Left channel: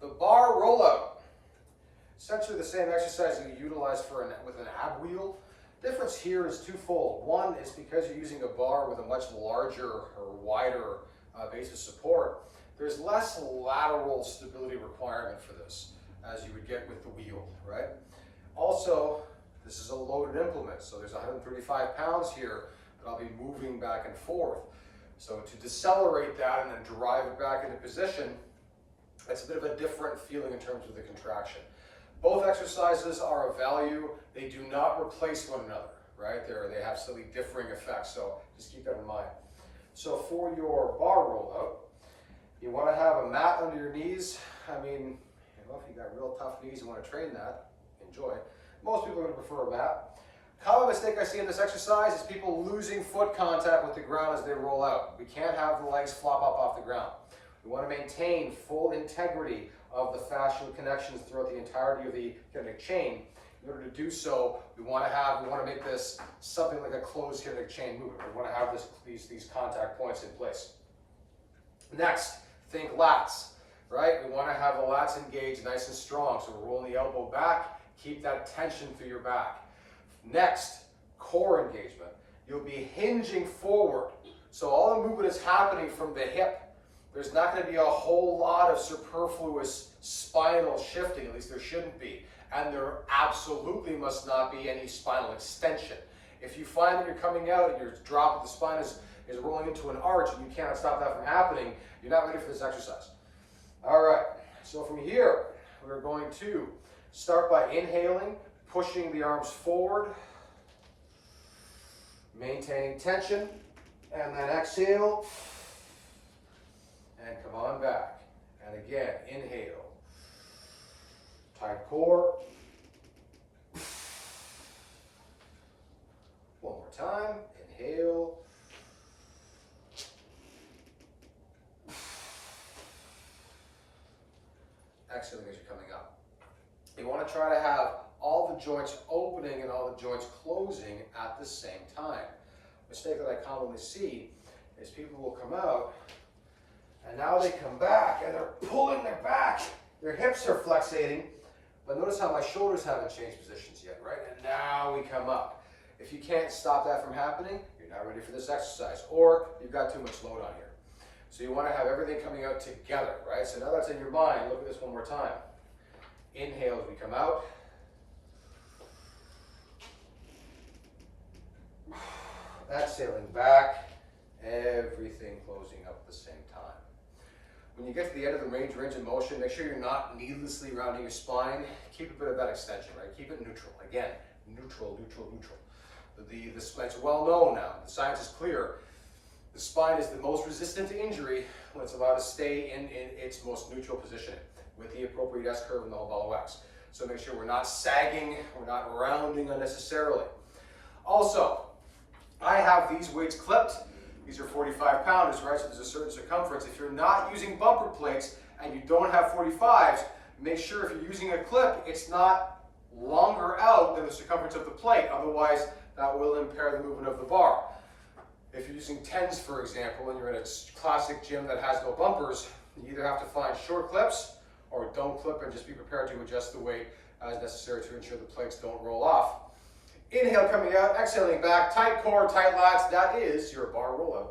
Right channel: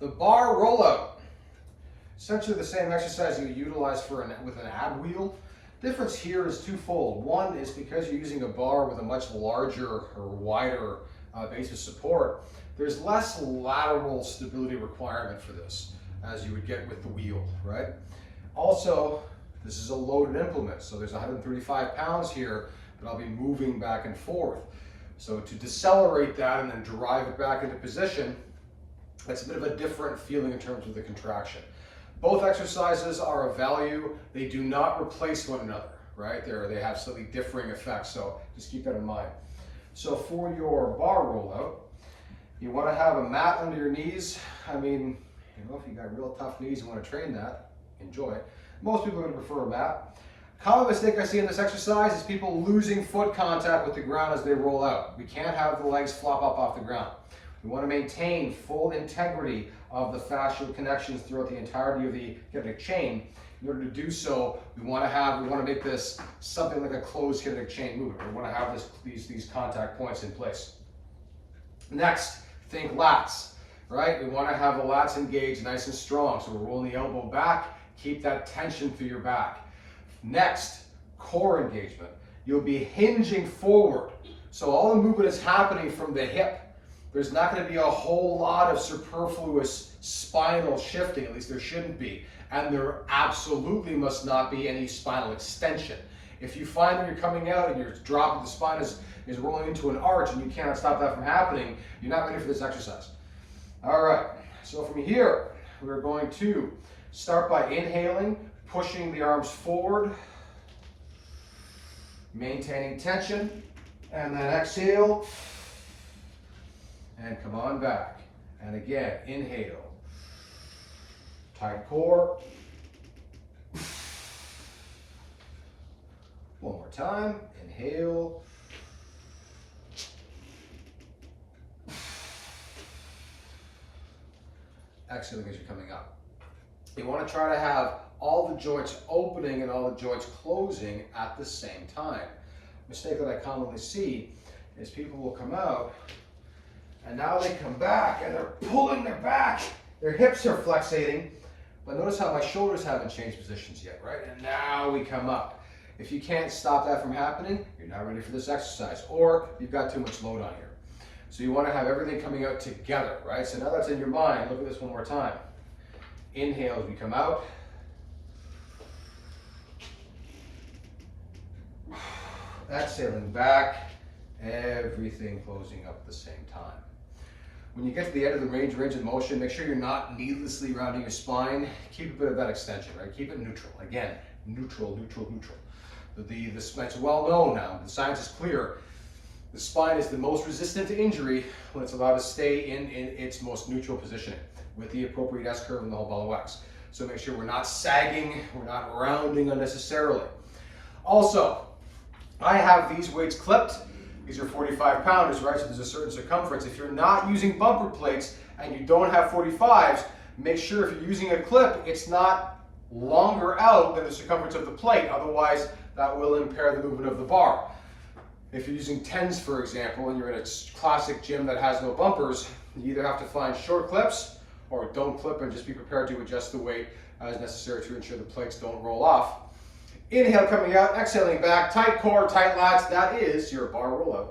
The bar rollout. Essentially the same exercise you utilize with an ab wheel. Difference here is twofold. One is because you're using a bar with a much larger or wider base of support, there's less lateral stability requirement for this as you would get with the wheel, right? Also, this is a loaded implement, so there's 135 pounds here that I'll be moving back and forth. So to decelerate that and then drive it back into position, that's a bit of a different feeling in terms of the contraction. Both exercises are of value. They do not replace one another, right? They have slightly differing effects, so just keep that in mind. So for your bar rollout, you want to have a mat under your knees. I mean, you know, if you got real tough knees and want to train that, enjoy it. Most people are going to prefer a mat. Common mistake I see in this exercise is people losing foot contact with the ground as they roll out. We can't have the legs flop up off the ground. We want to maintain full integrity of the fascial connections throughout the entirety of the kinetic chain. In order to do so, we want to make this something like a closed kinetic chain movement. We want to have these contact points in place. Next, think lats, right? We want to have the lats engaged nice and strong. So we're rolling the elbow back, keep that tension through your back. Next, core engagement. You'll be hinging forward. So all the movement is happening from the hip. There's not going to be a whole lot of superfluous spinal shifting, at least there shouldn't be. And there absolutely must not be any spinal extension. If you find that you're coming out and you're dropping, the spine is rolling into an arch and you cannot stop that from happening, you're not ready for this exercise. All right, so from here, we're going to start by inhaling, pushing the arms forward, maintaining tension, and then exhale, and come on back. And again, inhale, tight core. One more time, inhale. Exhaling as you're coming up. You want to try to have all the joints opening and all the joints closing at the same time. Mistake that I commonly see is people will come out and now they come back and they're pulling their back. Their hips are flexating, but notice how my shoulders haven't changed positions yet, right? And now we come up. If you can't stop that from happening, you're not ready for this exercise, or you've got too much load on here. So you want to have everything coming out together, right? So now that's in your mind. Look at this one more time. Inhale as we come out. Exhaling back, everything closing up at the same time. When you get to the end of the range of motion, make sure you're not needlessly rounding your spine. Keep a bit of that extension, right? Keep it neutral. Again, neutral, neutral, neutral. It's well known now. The science is clear. The spine is the most resistant to injury when it's allowed to stay in its most neutral positioning with the appropriate S-curve and the whole ball of wax. So make sure we're not sagging, we're not rounding unnecessarily. Also, I have these weights clipped. These are 45 pounders, right? So there's a certain circumference. If you're not using bumper plates and you don't have 45s, make sure if you're using a clip, it's not longer out than the circumference of the plate. Otherwise, that will impair the movement of the bar. If you're using 10s, for example, and you're in a classic gym that has no bumpers, you either have to find short clips or don't clip and just be prepared to adjust the weight as necessary to ensure the plates don't roll off. Inhale coming out, exhaling back, tight core, tight lats. That is your bar rollout.